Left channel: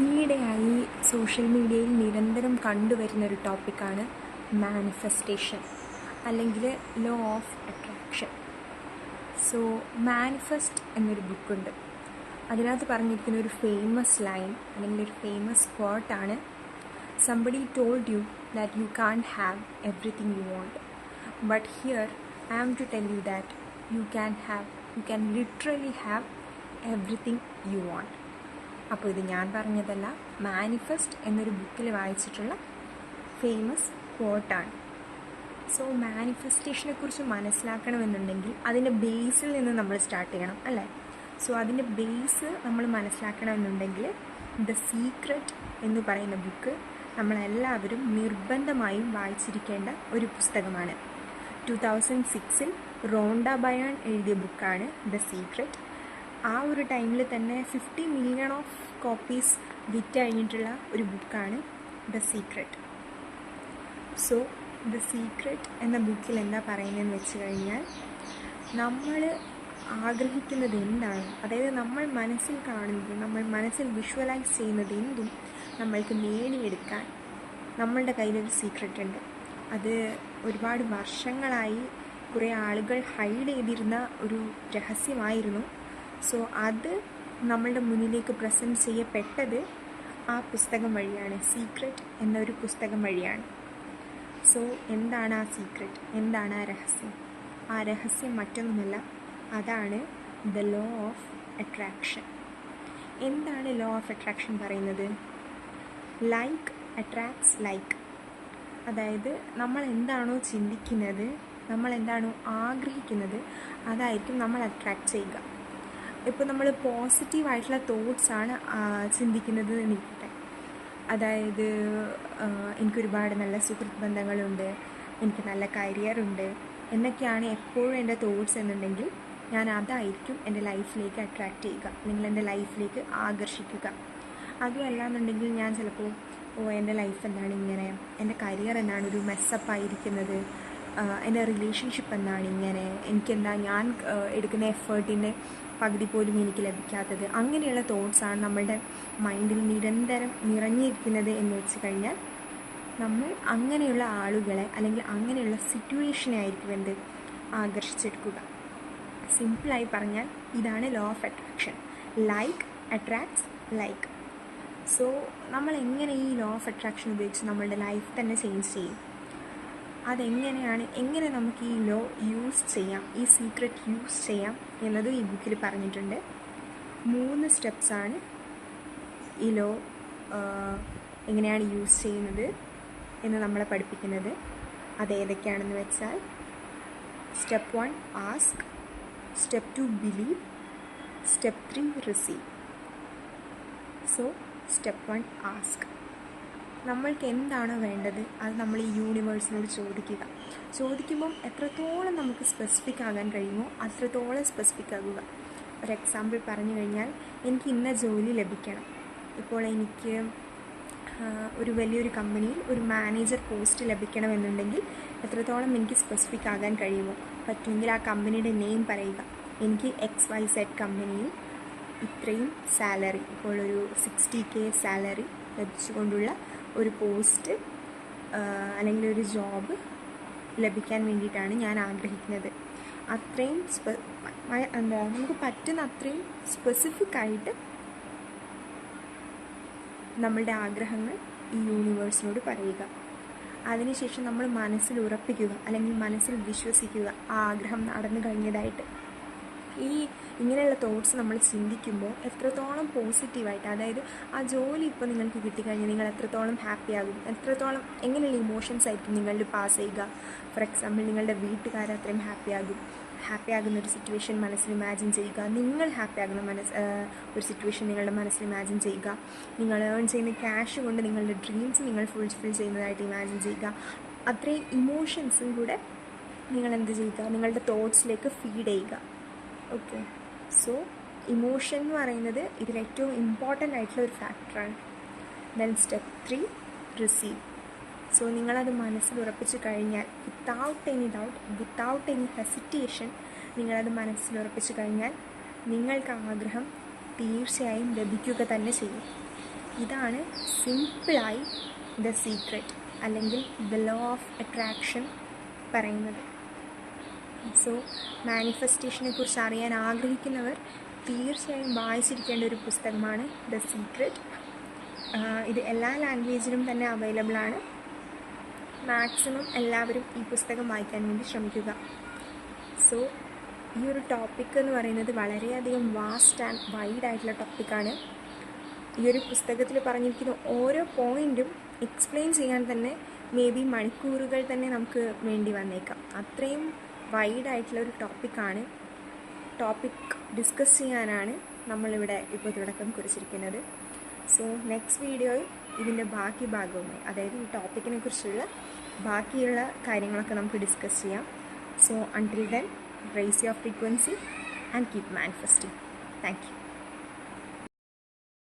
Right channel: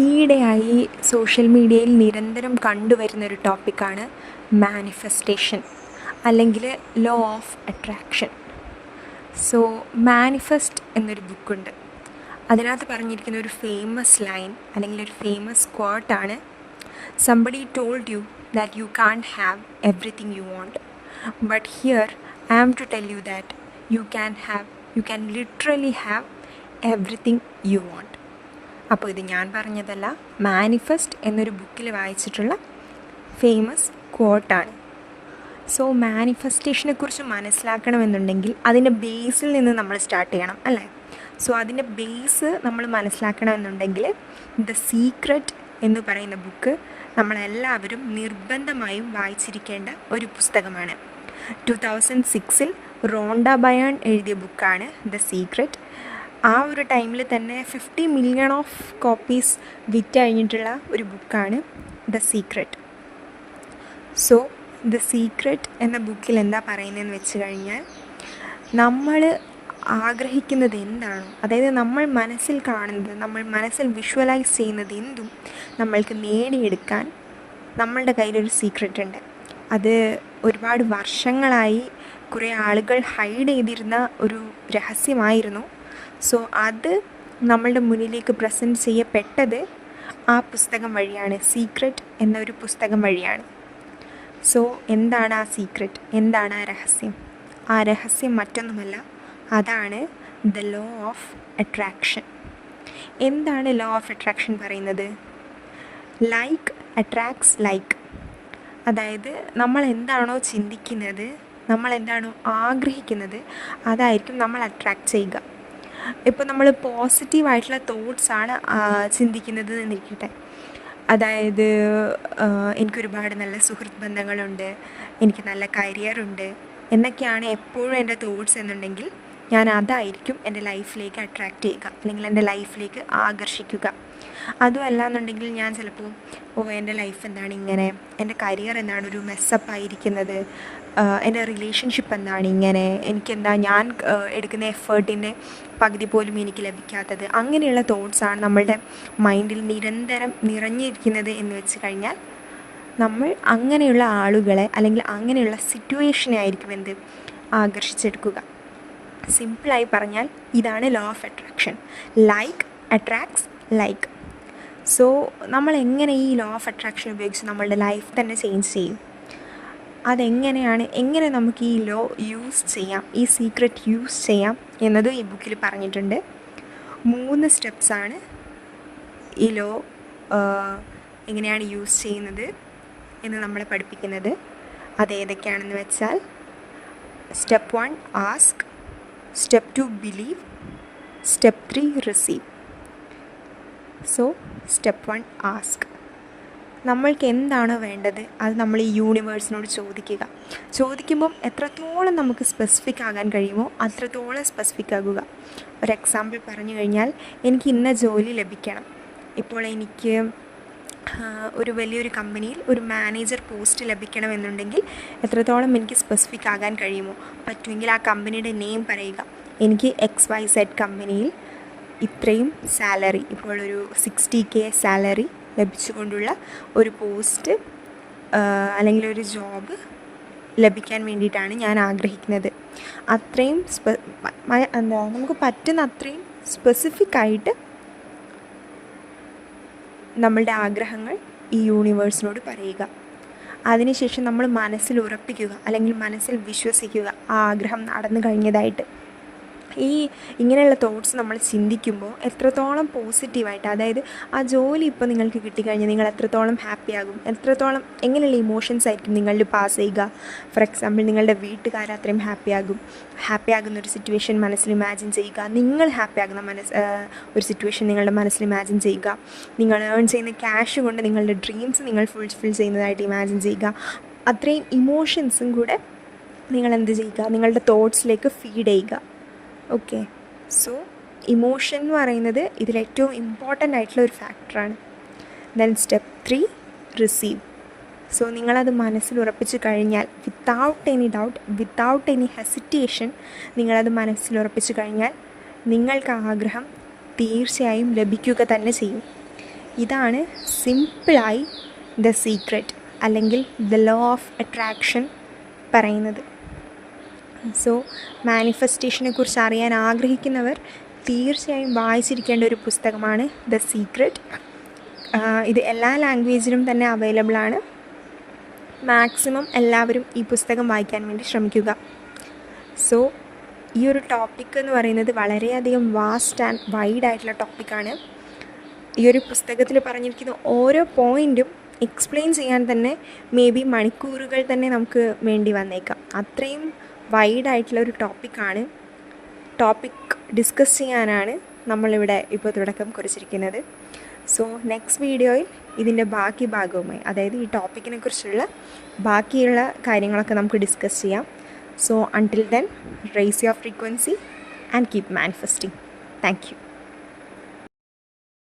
ഈയിടെയായി സോഷ്യൽ മീഡിയയിൽ നിരന്തരം കണ്ടുവരുന്നൊരു ടോപ്പിക്കാണ് മാനിഫെസ്റ്റേഷൻ അല്ലെങ്കിൽ law of attraction. So manifest എന്നൊരു ബുക്കുണ്ട്. അതിനകത്ത് പറഞ്ഞിരിക്കുന്ന ഒരു ഫേമസ് ലൈൻ അല്ലെങ്കിൽ ഒരു ഫേമസ് ക്വാട്ടാണ്, somebody told you that you can't have everything you want, but here I am to tell you that you can literally have everything you want. അപ്പോൾ ഇത് ഞാൻ പറഞ്ഞതല്ല, മാനിഫെസ്റ്റ് എന്നൊരു ബുക്കിൽ വായിച്ചിട്ടുള്ള ഫേമസ് ക്വോട്ടാണ്. സോ മാനിഫെസ്റ്റേഷനെക്കുറിച്ച് മനസ്സിലാക്കണമെന്നുണ്ടെങ്കിൽ അതിൻ്റെ ബേസിൽ നിന്ന് നമ്മൾ സ്റ്റാർട്ട് ചെയ്യണം, അല്ലേ? സോ അതിൻ്റെ ബേസ് നമ്മൾ മനസ്സിലാക്കണമെന്നുണ്ടെങ്കിൽ ദ സീക്രട്ട് എന്ന് പറയുന്ന ബുക്ക് നമ്മളെല്ലാവരും നിർബന്ധമായും വായിച്ചിരിക്കേണ്ട ഒരു പുസ്തകമാണ്. 2006 റോണ്ട ബയേൺ എഴുതിയ ബുക്കാണ് ദ സീക്രട്ട്. ആ ഒരു ടൈമിൽ തന്നെ 50 മില്യൺ ഓഫ് കോപ്പീസ് വിറ്റ് കഴിഞ്ഞിട്ടുള്ള ഒരു ബുക്കാണ് the secret. So the secret എന്ന ബുക്കിൽ എന്താ പറയുന്നതെന്ന് വെച്ച് കഴിഞ്ഞാൽ, നമ്മൾ ആഗ്രഹിക്കുന്നത് എന്താണോ, അതായത് നമ്മൾ മനസ്സിൽ കാണുന്നത്, നമ്മൾ മനസ്സിൽ വിഷ്വലൈസ് ചെയ്യുന്നത് എന്തും നമ്മൾക്ക് നേടിയെടുക്കാൻ നമ്മളുടെ കയ്യിലൊരു സീക്രട്ട് ഉണ്ട്. അത് ഒരുപാട് വർഷങ്ങളായി കുറേ ആളുകൾ ഹൈഡ് ചെയ്തിരുന്ന ഒരു രഹസ്യമായിരുന്നു. സോ അത് നമ്മളുടെ മുന്നിലേക്ക് പ്രസൻറ്റ് ചെയ്യപ്പെട്ടത് ആ പുസ്തകം വഴിയാണ്, സീക്രട്ട് എന്നൊരു പുസ്തകം വഴിയാണ്. സോ എന്താണ് ആ സീക്രട്ട്, എന്താണ് ആ രഹസ്യം? ആ രഹസ്യം മറ്റൊന്നുമല്ല, അതാണ് ദ ലോ ഓഫ് അട്രാക്ഷൻ. എന്താണ് ലോ ഓഫ് അട്രാക്ഷൻ പറയുന്നത്? Like attracts like. അതായത് നമ്മൾ എന്താണോ ചിന്തിക്കുന്നത്, നമ്മൾ എന്താണോ ആഗ്രഹിക്കുന്നത്, അതായിരിക്കും നമ്മൾ അട്രാക്റ്റ് ചെയ്യുക. ഇപ്പോൾ നമ്മൾ പോസിറ്റീവായിട്ടുള്ള തോട്ട്സാണ് ചിന്തിക്കുന്നത് എന്നിരിക്കട്ടെ, അതായത് എനിക്കൊരുപാട് നല്ല സുഹൃത്ത് ബന്ധങ്ങളുണ്ട്, എനിക്ക് നല്ല കരിയറുണ്ട് എന്നൊക്കെയാണ് എപ്പോഴും എൻ്റെ തോട്ട്സ് എന്നുണ്ടെങ്കിൽ, ഞാൻ അതായിരിക്കും എൻ്റെ ലൈഫിലേക്ക് അട്രാക്റ്റ് ചെയ്യുക അല്ലെങ്കിൽ എൻ്റെ ലൈഫിലേക്ക് ആകർഷിക്കുക. അതുമല്ല എന്നുണ്ടെങ്കിൽ ഞാൻ ചിലപ്പോൾ എൻ്റെ ലൈഫ് എന്താണ് ഇങ്ങനെ, എൻ്റെ കരിയർ എന്താണ് ഒരു മെസ്സപ്പായിരിക്കുന്നത്, എൻ്റെ റിലേഷൻഷിപ്പ് എന്താണ് ഇങ്ങനെ, എനിക്കെന്താ ഞാൻ എടുക്കുന്ന എഫേർട്ടിൻ്റെ പകുതി പോലും എനിക്ക് ലഭിക്കാത്തത്, അങ്ങനെയുള്ള തോട്ട്സാണ് നമ്മളുടെ മൈൻഡിൽ നിരന്തരം നിറഞ്ഞിരിക്കുന്നത് എന്ന് വെച്ച് കഴിഞ്ഞാൽ, നമ്മൾ അങ്ങനെയുള്ള ആളുകളെ അല്ലെങ്കിൽ അങ്ങനെയുള്ള സിറ്റുവേഷനെ ആയിരിക്കും എന്ത് ആകർഷിച്ചെടുക്കുക. സിമ്പിളായി പറഞ്ഞാൽ ഇതാണ് law of attraction. Like attracts like. So നമ്മൾ എങ്ങനെ ഈ ലോ ഓഫ് അട്രാക്ഷൻ ഉപയോഗിച്ച് നമ്മളുടെ ലൈഫ് തന്നെ ചേഞ്ച് ചെയ്യും? അതെങ്ങനെയാണ്, എങ്ങനെ നമുക്ക് ഈ ലോ യൂസ് ചെയ്യാം, ഈ സീക്രട്ട് യൂസ് ചെയ്യാം എന്നതും ഈ ബുക്കിൽ പറഞ്ഞിട്ടുണ്ട്. 3 സ്റ്റെപ്സാണ് ഈ ലോ എങ്ങനെയാണ് യൂസ് ചെയ്യുന്നത് എന്ന് നമ്മളെ പഠിപ്പിക്കുന്നത്. അതേതൊക്കെയാണെന്ന് വെച്ചാൽ, step 1 ask, step 2 believe, step 3 receive. So step 1 ask. നമ്മൾക്ക് എന്താണോ വേണ്ടത് അത് നമ്മൾ ഈ യൂണിവേഴ്സിനോട് ചോദിക്കുമ്പം എത്രത്തോളം നമുക്ക് സ്പെസിഫിക് ആകാൻ കഴിയുമോ അത്രത്തോളം സ്പെസിഫിക് ആകുക. ഒരു എക്സാമ്പിൾ പറഞ്ഞു കഴിഞ്ഞാൽ, എനിക്ക് ഇന്ന ജോലി ലഭിക്കണം. ഇപ്പോൾ എനിക്ക് ഒരു വലിയൊരു കമ്പനിയിൽ ഒരു മാനേജർ പോസ്റ്റ് ലഭിക്കണമെന്നുണ്ടെങ്കിൽ എത്രത്തോളം എനിക്ക് സ്പെസിഫിക് ആകാൻ കഴിയുമോ, പറ്റുമെങ്കിൽ ആ കമ്പനിയുടെ നെയിം പറയുക. എനിക്ക് XYZ കമ്പനിയിൽ ഇത്രയും സാലറി, ഇപ്പോൾ ഒരു 60K സാലറി ലഭിച്ചുകൊണ്ടുള്ള ഒരു പോസ്റ്റ് അല്ലെങ്കിൽ ഒരു ജോബ് ലഭിക്കാൻ വേണ്ടിയിട്ടാണ് ഞാൻ ആഗ്രഹിക്കുന്നത്. അത്രയും നമുക്ക് പറ്റുന്ന അത്രയും സ്പെസിഫിക് ആയിട്ട് നമ്മളുടെ ആഗ്രഹങ്ങൾ ഈ യൂണിവേഴ്സിനോട് പറയുക. അതിനുശേഷം നമ്മൾ മനസ്സിൽ ഉറപ്പിക്കുക അല്ലെങ്കിൽ മനസ്സിൽ വിശ്വസിക്കുക ആ ആഗ്രഹം നടന്നു കഴിഞ്ഞതായിട്ട്. ഇങ്ങനെയുള്ള തോട്ട്സ് നമ്മൾ ചിന്തിക്കുമ്പോൾ എത്രത്തോളം പോസിറ്റീവായിട്ട്, അതായത് ആ ജോലി ഇപ്പോൾ നിങ്ങൾക്ക് കിട്ടിക്കഴിഞ്ഞാൽ നിങ്ങൾ എത്രത്തോളം ഹാപ്പിയാകും, എത്രത്തോളം എങ്ങനെയുള്ള ഇമോഷൻസ് ആയിരിക്കും നിങ്ങളിൽ പാസ് ചെയ്യുക. ഫോർ എക്സാമ്പിൾ, നിങ്ങളുടെ വീട്ടുകാർ അത്രയും ഹാപ്പിയാകുന്ന ഒരു സിറ്റുവേഷൻ മനസ്സിൽ ഇമാജിൻ ചെയ്യുക. നിങ്ങൾ ഹാപ്പിയാകുന്ന ഒരു സിറ്റുവേഷൻ നിങ്ങളുടെ മനസ്സിൽ ഇമാജിൻ ചെയ്യുക. നിങ്ങൾ ഏൺ ചെയ്യുന്ന ക്യാഷ് കൊണ്ട് നിങ്ങളുടെ ഡ്രീംസ് നിങ്ങൾ ഫുൾഫിൽ ചെയ്യുന്നതായിട്ട് ഇമാജിൻ ചെയ്യുക. അത്രയും ഇമോഷൻസും കൂടെ നിങ്ങൾ എന്ത് ചെയ്യുക, നിങ്ങളുടെ തോട്ട്സിലേക്ക് ഫീഡ് ചെയ്യുക. ഓക്കെ, സോ ഇമോഷൻ എന്ന് പറയുന്നത് ഇതിലേറ്റവും ഇമ്പോർട്ടൻ്റ് ആയിട്ടുള്ള ഒരു ഫാക്ടറാണ്. Then step 3 receive. സോ നിങ്ങളത് മനസ്സിൽ ഉറപ്പിച്ച് കഴിഞ്ഞാൽ, without any doubt, without any hesitation നിങ്ങളത് മനസ്സിൽ ഉറപ്പിച്ച് കഴിഞ്ഞാൽ നിങ്ങൾക്ക് ആഗ്രഹം തീർച്ചയായും ലഭിക്കുക തന്നെ ചെയ്യും. ഇതാണ് സിമ്പിളായി ദ സീക്രട്ട് അല്ലെങ്കിൽ ദ ലോ ഓഫ് അട്രാക്ഷൻ പറയുന്നത്. സോ മാനിഫെസ്റ്റേഷനെ കുറിച്ച് അറിയാൻ ആഗ്രഹിക്കുന്നവർ തീർച്ചയായും വായിച്ചിരിക്കേണ്ട ഒരു പുസ്തകമാണ് ദ സീക്രട്ട്. ഇത് എല്ലാ ലാംഗ്വേജിലും തന്നെ അവൈലബിൾ ആണ്. മാക്സിമം എല്ലാവരും ഈ പുസ്തകം വായിക്കാൻ വേണ്ടി ശ്രമിക്കുക. സോ ഈ ഒരു ടോപ്പിക് എന്ന് പറയുന്നത് വളരെയധികം വാസ്റ്റ് ആൻഡ് വൈഡ് ആയിട്ടുള്ള ടോപ്പിക്കാണ്. ഈ ഒരു പുസ്തകത്തിൽ പറഞ്ഞിരിക്കുന്ന ഓരോ പോയിൻറ്റും എക്സ്പ്ലെയിൻ ചെയ്യാൻ തന്നെ മേ ബി മണിക്കൂറുകൾ തന്നെ നമുക്ക് വേണ്ടി വന്നേക്കാം. അത്രയും വൈഡായിട്ടുള്ള ഒരു ടോപ്പിക്കാണ്. ടോപ്പിക് ഡിസ്കസ് ചെയ്യാനാണ് നമ്മളിവിടെ ഇപ്പോൾ തുടക്കം കുറിച്ചിരിക്കുന്നത്. സോ നെക്സ്റ്റ് വീഡിയോയിൽ ഇതിൻ്റെ ബാക്കി ഭാഗവുമായി, അതായത് ഈ ടോപ്പിക്കിനെ കുറിച്ചുള്ള ബാക്കിയുള്ള കാര്യങ്ങളൊക്കെ നമുക്ക് ഡിസ്കസ് ചെയ്യാം. So until then, raise your frequency and keep manifesting. Thank you.